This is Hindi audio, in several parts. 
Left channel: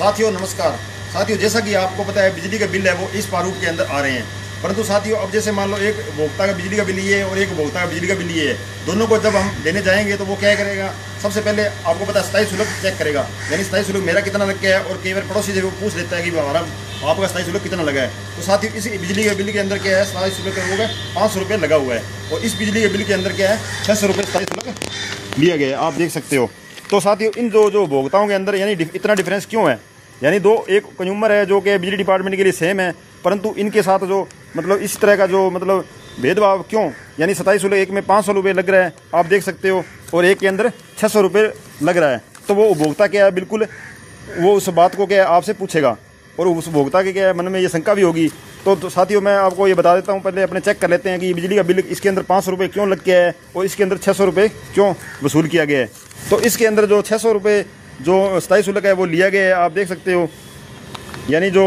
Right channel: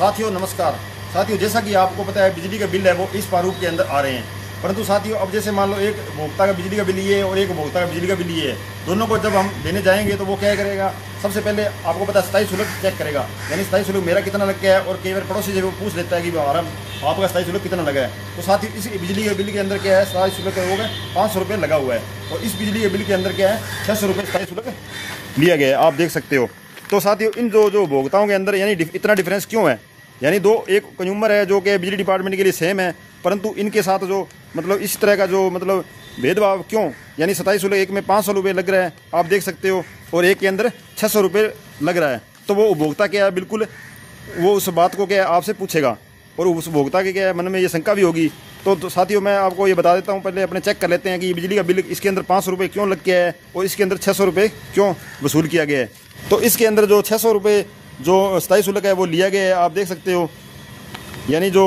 साथियों नमस्कार। साथियों जैसा कि आपको पता है बिजली का बिल है वो इस प्रारूप के अंदर आ रहे हैं, परंतु साथियों अब जैसे मान लो एक उपभोक्ता का बिजली का बिल ये है और एक उपभोक्ता का बिजली का बिल ये है, दोनों को जब हम देने जाएंगे तो वो क्या करेगा, सबसे पहले आपको पता है स्थायी शुल्क चेक करेगा, यानी स्थायी शुल्क मेरा कितना लग गया है। और कई बार पड़ोसी जो पूछ लेता है कि हमारा आपका स्थायी शुल्क कितना लगा है। तो साथियों इस बिजली के बिल के अंदर क्या है, स्थायी शुल्क होगा 500 रुपये लगा हुआ है, और इस बिजली के बिल के अंदर क्या है 600 रुपये स्थायी शुल्क लिया गया है, आप देख सकते हो। तो साथियों इन जो उपभोक्ताओं के अंदर यानी इतना डिफरेंस क्यों है, यानी दो एक कंज्यूमर है जो कि बिजली डिपार्टमेंट के लिए सेम है, परंतु इनके साथ जो मतलब इस तरह का जो मतलब भेदभाव क्यों, यानी 27 शुल्क एक में 500 रुपये लग रहा है, आप देख सकते हो, और एक के अंदर 600 रुपये लग रहा है। तो वो उपभोक्ता क्या है, बिल्कुल वो उस बात को क्या है आपसे पूछेगा, और उस उपभोक्ता के क्या है मन में ये शंका भी होगी। तो साथियों मैं आपको ये बता देता हूँ, पहले अपने चेक कर लेते हैं कि बिजली का बिल इसके अंदर 500 रुपये क्यों लग गया है और इसके अंदर 600 रुपये क्यों वसूल किया गया है। तो इसके अंदर जो 600 रुपये जो स्थायी शुल्क है वो लिया गया है, आप देख सकते हो, यानी जो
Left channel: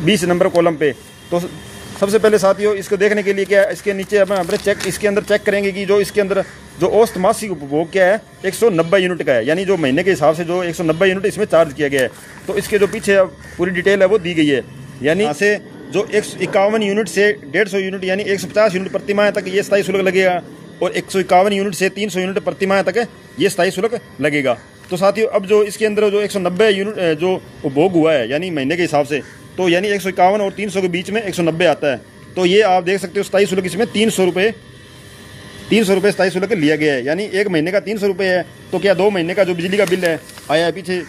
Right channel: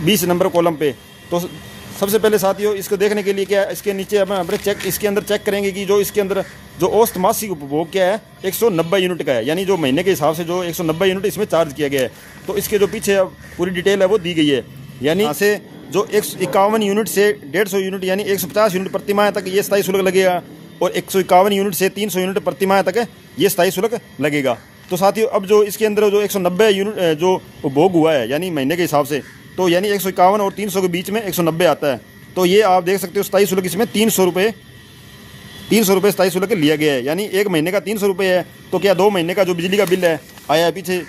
20 नंबर कॉलम पे। तो सबसे पहले साथियों इसको देखने के लिए क्या है, इसके नीचे अपने चेक इसके अंदर चेक करेंगे कि जो इसके अंदर जो औसत मासिक उपभोग क्या है 190 यूनिट का है, यानी जो महीने के हिसाब से जो 190 यूनिट इसमें चार्ज किया गया है। तो इसके जो पीछे पूरी डिटेल है वो दी गई है, यानी यहाँ से जो 151 यूनिट से 150 यूनिट यानी 150 यूनिट प्रति माह तक ये स्थायी शुल्क लगेगा, और 151 यूनिट से 300 यूनिट प्रति माह तक ये स्थायी शुल्क लगेगा। तो साथियों अब जो इसके अंदर जो 190 यूनिट जो उपभोग हुआ है यानी महीने के हिसाब से, तो यानी 151 और 300 के बीच में 190 आता है। तो ये आप देख सकते हो स्थायी शुल्क इसमें 300 रुपये स्थायी शुल्क लिया गया है, यानी एक महीने का 300 रुपये है। तो क्या 2 महीने का जो बिजली का बिल है आया है पीछे,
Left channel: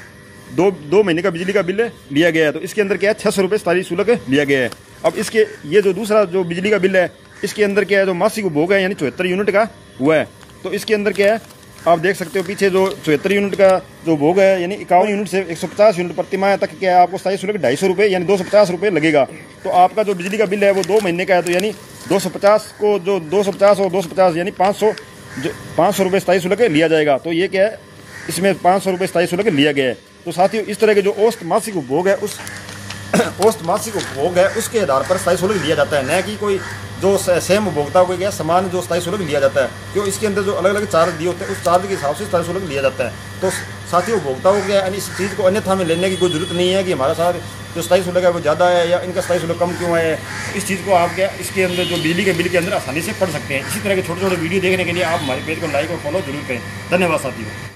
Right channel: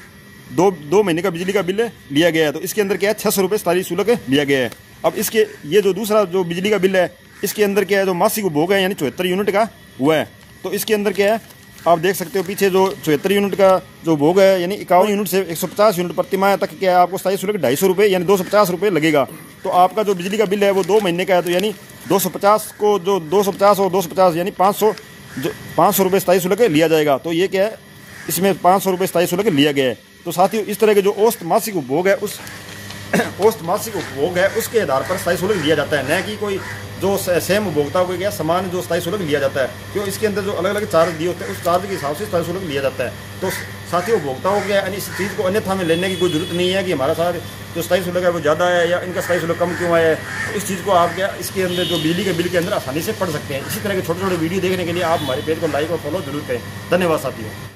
दो महीने का बिजली का बिल लिया गया है, तो इसके अंदर क्या है 600 रुपये स्थायी शुल्क लिया गया है। अब इसके ये जो दूसरा जो बिजली का बिल है इसके अंदर क्या है जो मासिक उपभोग है यानी 74 यूनिट का हुआ है। तो इसके अंदर क्या है आप देख सकते हो पीछे जो 74 यूनिट का जो उपभोग है यानी 51 यूनिट से 150 यूनिट प्रति माह तक क्या है आपको स्थायी शुल्क 250 रुपये यानी 250 रुपये लगेगा। तो आपका जो बिजली का बिल है वो 2 महीने का है, तो यानी 250 को जो 250 और 250 यानी 500 रुपये स्थायी शुल्क लिया जाएगा। तो ये क्या है इसमें 500 रुपये स्थायी शुल्क लिया गया है। तो साथियों इस तरह के जो औसत मासिक उपभोग है उस औसत मासिक उपभोग है उसके आधार पर स्थायी शुल्क लिया जाता है, न कि कोई जो सेम उपभोक्ता को क्या समान जो स्थायी शुल्क लिया जाता है, क्यों इसके अंदर जो अलग अलग चार्ज दिए होते हैं उस चार्ज के हिसाब से स्थायी शुल्क लिया जाता है। तो साथियों उपभोक्ताओं को क्या है इस चीज़ को अन्यथा में लेने की कोई जरूरत नहीं है कि हमारा साथ जो स्थायी शुल्क है वो ज़्यादा है या इनका स्थायी शुल्क कम क्यों है। तो इस चीज़ को आप क्या इसके अंदर जो बिजली के बिल के अंदर आसानी से पढ़ सकते हैं। इसी तरह के छोटे छोटे वीडियो देखने के लिए आप हमारे पेज को लाइक और फॉलो जरूर करें। धन्यवाद साथियों।